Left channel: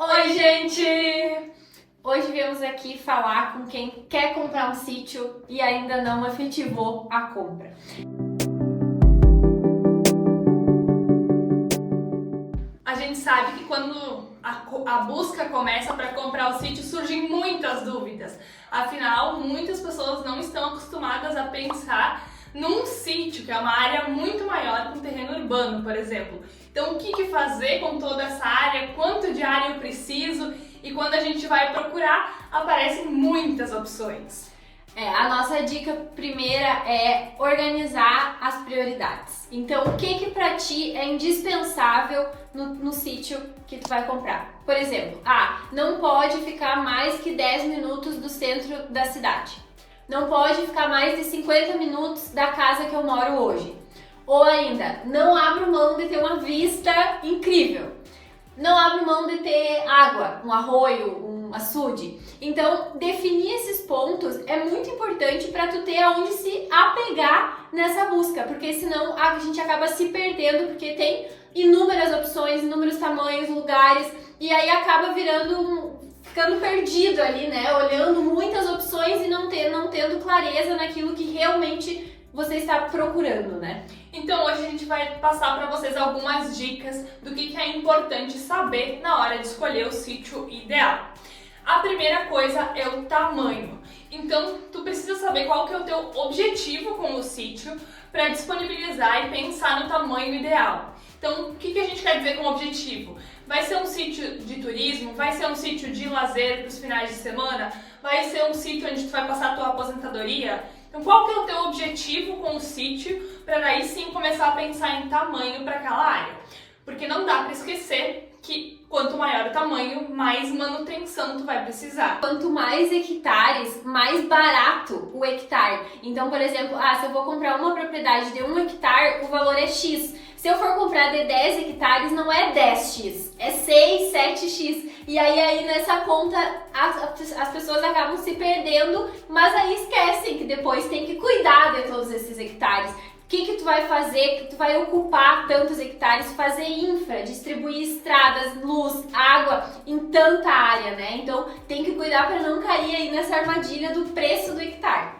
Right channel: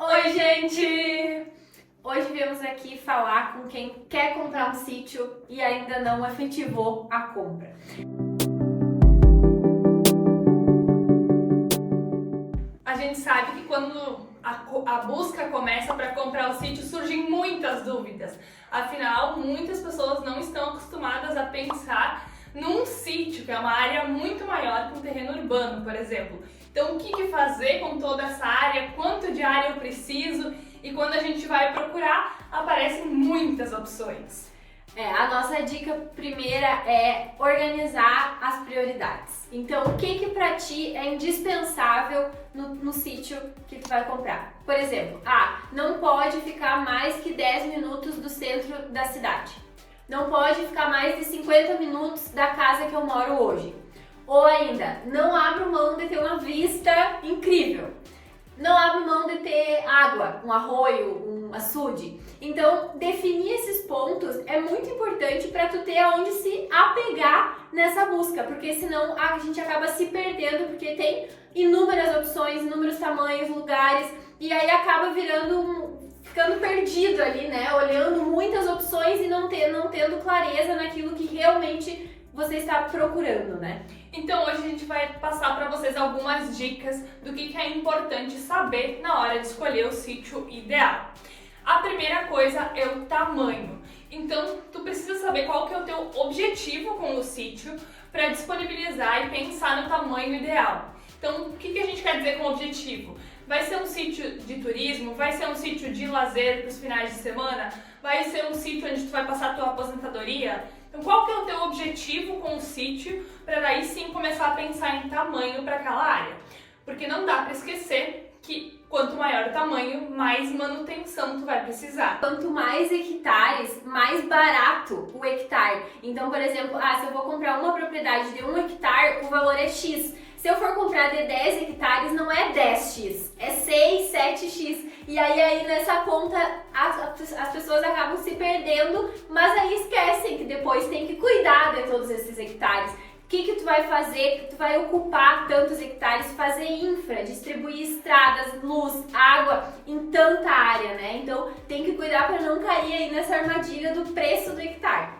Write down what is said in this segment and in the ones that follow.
Oi, gente! Hoje viemos aqui falar com quem quer comprar um sítio e ainda não efetivou a compra. A gente sabe que quando a busca começa para comprar o sítio, surgem muitas dúvidas. Afinal, muitas pessoas não estão acostumadas a pensar num sítio, que é uma área muito maior que um terreno urbano, por exemplo. Então, o que fazer com toda essa área? Quanto de área eu preciso? E quando a gente vai procurar, aparecem muitas opções. A nossa dica primeira é organizar as prioridades. Então, o que para ti é indispensável no sítio que tu vai comprar? Por exemplo, não pode ficar mais que 10 minutos do centro da cidade. Não pode ficar mais de 50 minutos da casa que eu moro hoje. Ou ainda, não abro mão de ter uma vista incrível. Não abro mão de ter água, um arroio, um açude. Então, definir esses pontos é muito importante para tu ter aonde se apegar nessa busca, porque senão a gente acaba se perdendo, porque tem inúmeras opções, inúmeros tamanhos, lugares, e aí acaba ficando perdido ali, né? Olhando muitas opções e não tendo clareza naquilo que realmente você está procurando, né? Então hoje a gente vai passar para vocês algumas dicas do que é importante saber na hora de escolher o sítio ideal. A primeira coisa é o tamanho. Então tu precisa saber qual que é o teu objetivo com o sítio para disponibilizar e pensar no tamanho ideal. Então o que a gente quer dizer com objetivo? Vai ser um sítio de turismo? Vai ser um sítio de lazer para os finais de semana? Vai ser um sítio onde tu vai passar a tua aposentadoria? Então qual que é o teu objetivo com o sítio para daí sim começar a pensar em tamanho para aquela área? Porque não dá para esquecer que quanto maior o tamanho, mais manutenção tu vai precisar. Quanto mais hectares, mais barato o hectare. Então, por exemplo, se eu vou comprar uma propriedade de 1 hectare, o valor é X. Se eu for comprar de 10 hectares, não é 10x, é 6, 7x. E aí nessa conta as pessoas acabam se perdendo, mas aí esquecem que depois tem que cuidar de todos esses hectares. O que tu vai fazer? Que tu vai ocupar tantos hectares, fazer infra, distribuir estradas, luz, água em tanta área, né? Então tem que cuidar para não cair aí nessa armadilha do preço do hectare.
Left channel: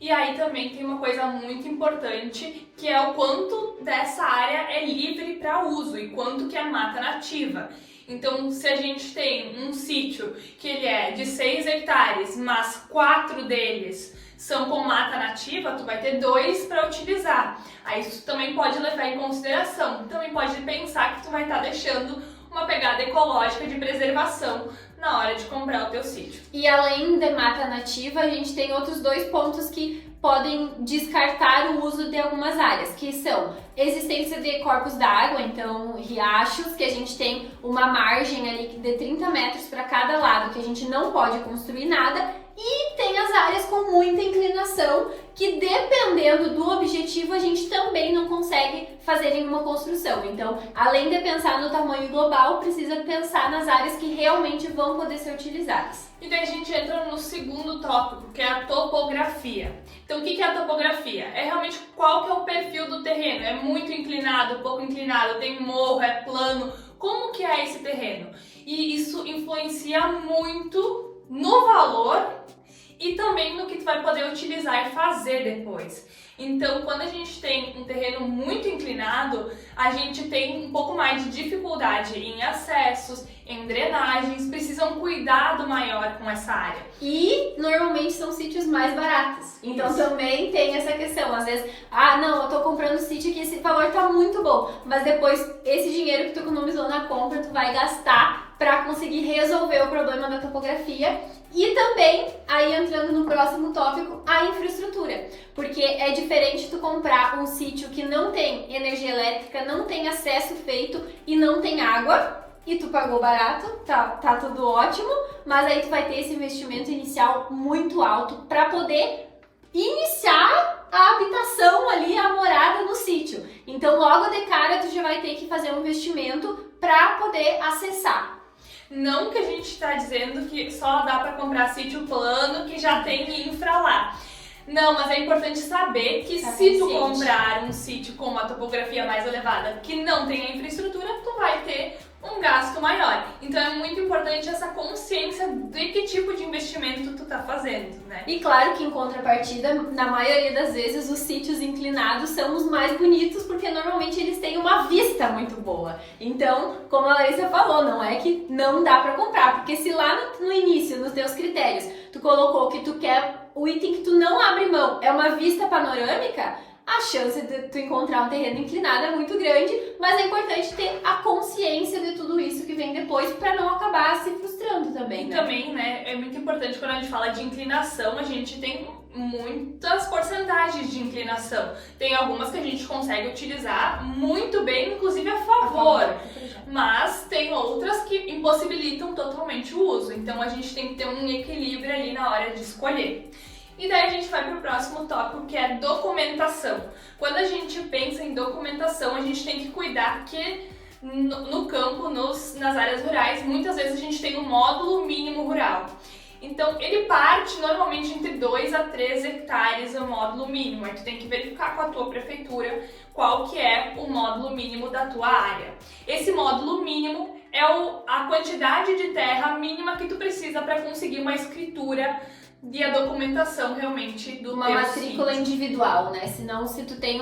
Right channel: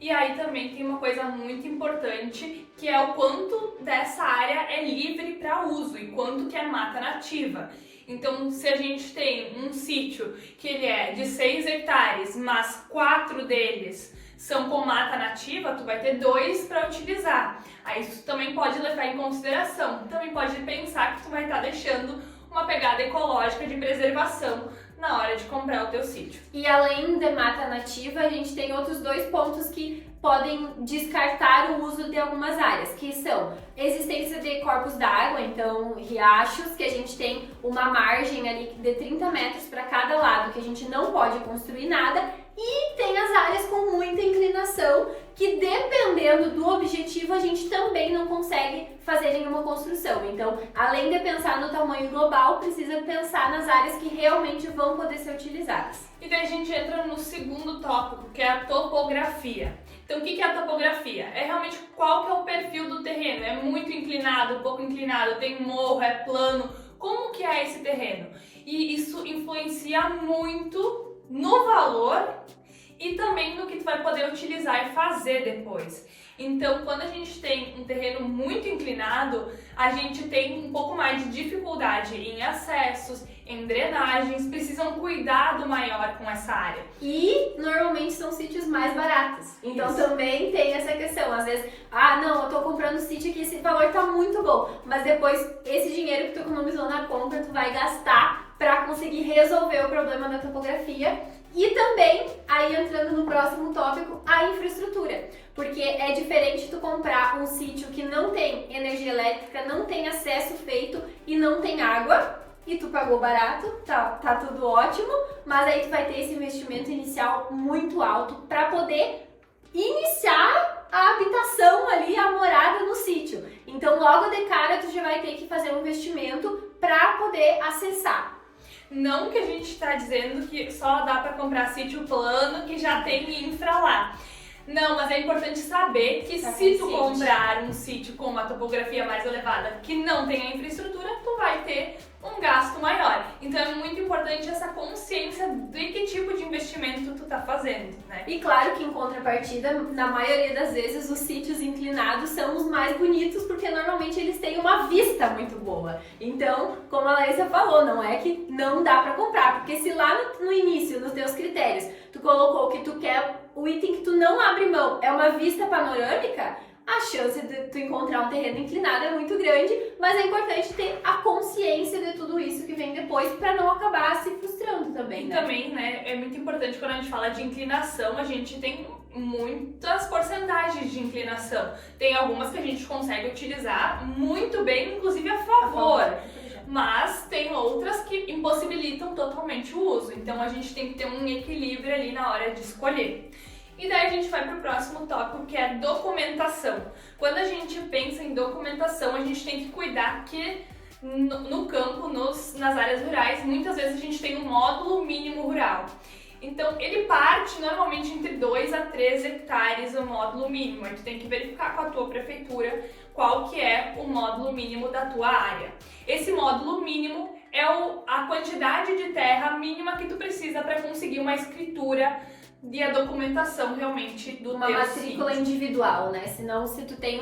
E aí também tem uma coisa muito importante, que é o quanto dessa área é livre para uso e quanto que é mata nativa. Então, se a gente tem um sítio que ele é de 6 hectares, mas 4 deles são com mata nativa, tu vai ter 2 para utilizar. Aí isso também pode levar em consideração. Também pode pensar que tu vai estar deixando uma pegada ecológica de preservação na hora de comprar o teu sítio. E além de mata nativa, a gente tem outros 2 pontos que podem descartar o uso de algumas áreas, que são existência de corpos d'água, então riachos, que a gente tem uma margem ali de 30 metros para cada lado, que a gente não pode construir nada, e tem as áreas com muita inclinação, que dependendo do objetivo a gente também não consegue fazer nenhuma construção. Então, além de pensar no tamanho global, precisa pensar nas áreas que realmente vão poder ser utilizadas. E daí a gente entra no segundo tópico, que é a topografia. Então, o que é a topografia? É realmente qual que é o perfil do terreno. É muito inclinado, pouco inclinado, tem morro, é plano. Como que é esse terreno? E isso influencia muito no valor e também no que tu vai poder utilizar e fazer depois. Então, quando a gente tem um terreno muito inclinado, a gente tem um pouco mais de dificuldade em acessos, em drenagens, precisam cuidado maior com essa área. E normalmente são sítios mais baratos. Então também tem essa questão. Às vezes, não, eu tô comprando sítio aqui, esse valor tá muito bom, mas depois esse dinheiro que tu economizou na compra, tu vai gastar para conseguir resolver o problema da topografia. E também, aí entrando no próximo tópico, a infraestrutura. Porque é diferente tu comprar um sítio que não tem energia elétrica, não tem acesso feito e não tem água, e tu pagou barato, tá tudo ótimo, mas aí tu vai ter esse investimento inicial muito alto para poder iniciar a habitação ali, a morada no sítio. Então logo de cara tu já vai ter que fazer um investimento para poder acessar. Não que a gente está dizendo que só dá para comprar sítio plano que já tem infra lá. Não, mas é importante saber que Tá se tu consciente. comprar um sítio com uma topografia mais elevada que não tem a infraestrutura, tu vai ter um gasto maior. Então é muito importante essa consciência de que tipo de investimento tu tá fazendo, né? E claro que em contrapartida, na maioria das vezes, os sítios inclinados são os mais bonitos, porque normalmente eles têm uma vista muito boa. Então, como a Larissa falou, não é que não dá pra comprar, porque se lá no início, nos teus critérios, tu colocou que tu quer o item que tu não abre mão, é uma vista panorâmica, a chance de tu encontrar um terreno inclinado é muito grande, mas é importante ter a consciência de tudo isso que vem depois para não acabar se frustrando também, né? Também, né, é muito importante quando a gente fala de inclinação, a gente tem muitas porcentagens de inclinação. Tem algumas que a gente consegue utilizar muito bem, inclusive a favor. Mas tem outras que impossibilitam totalmente o uso. Então a gente tem que ter um equilíbrio ali na hora de escolher. E daí a gente vai para o próximo tópico, que é documentação. Quando a gente pensa em documentação, a gente tem que cuidar que no campo, nas áreas rurais, muitas vezes a gente tem um módulo mínimo rural. Então, ele parte normalmente entre 2 a 3 hectares o módulo mínimo. Aí tu tem que verificar com a tua prefeitura qual que é o módulo mínimo da tua área. Esse módulo mínimo é a quantidade de terra mínima que tu precisa para conseguir uma escritura e a documentação realmente do uma teu matrícula sítio. individual, né? Senão, se tu tem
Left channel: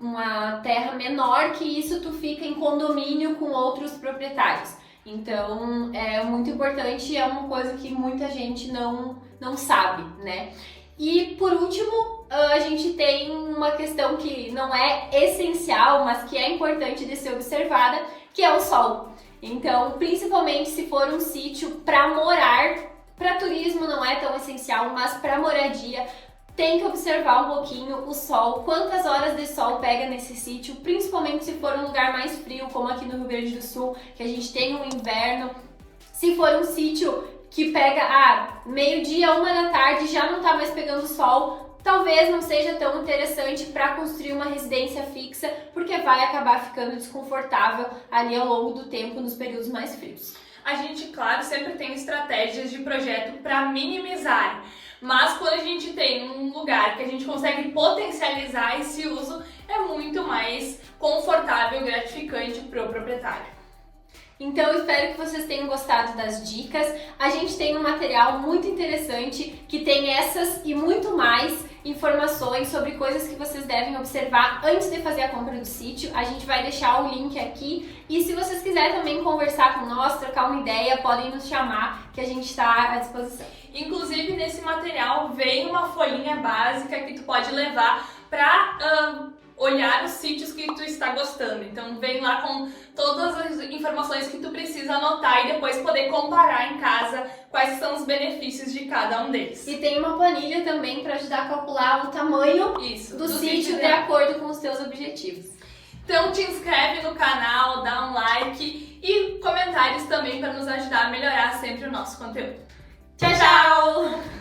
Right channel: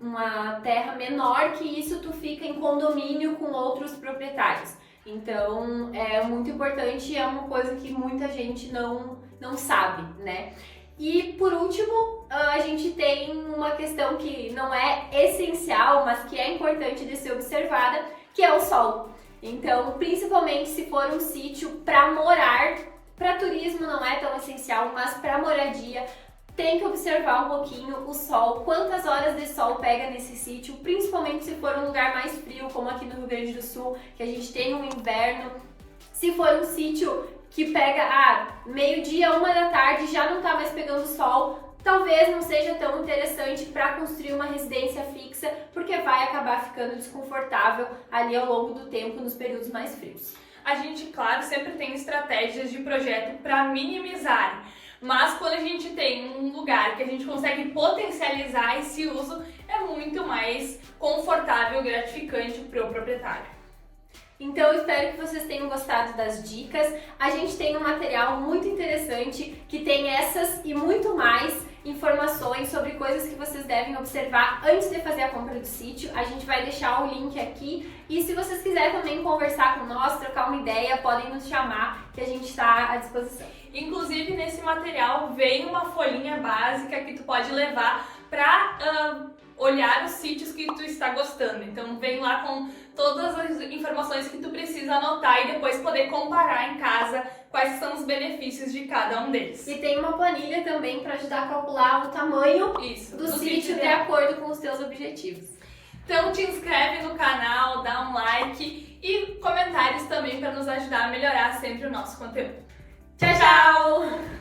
uma terra menor que isso, tu fica em condomínio com outros proprietários. Então, é muito importante, é uma coisa que muita gente não sabe, né? E, por último, a gente tem uma questão que não é essencial, mas que é importante de ser observada, que é o sol. Então, principalmente se for um sítio para morar, para turismo não é tão essencial, mas para moradia tem que observar um pouquinho o sol, quantas horas de sol pega nesse sítio, principalmente se for um lugar mais frio, como aqui no Rio Grande do Sul, que a gente tem um inverno. Se for um sítio que pega meio-dia, 1 da tarde, já não tá mais pegando sol, talvez não seja tão interessante para construir uma residência fixa, porque vai acabar ficando desconfortável ali ao longo do tempo nos períodos mais frios. A gente, claro, sempre tem estratégias de projeto para minimizar, mas quando a gente tem um lugar que a gente consegue potencializar esse uso, é muito mais confortável e gratificante para o proprietário. Então, eu espero que vocês tenham gostado das dicas. A gente tem um material muito interessante que tem essas e muito mais informações sobre coisas que vocês devem observar antes de fazer a compra do sítio. A gente vai deixar o link aqui. E se vocês quiserem também conversar com nós, trocar uma ideia, podem nos chamar, que a gente está à disposição. Inclusive, nesse material vem uma folhinha básica que tu pode levar para olhar os sítios que tu está gostando. Então vem lá com todas as informações que tu precisa anotar e depois poder comparar em casa quais são os benefícios de cada um deles. E tem uma planilha também para ajudar a calcular o tamanho do sítio de acordo com os teus objetivos. Então te inscreve no canal, dá um like e comentários também para nos ajudar a melhorar sempre o nosso conteúdo. Tchau, tchau!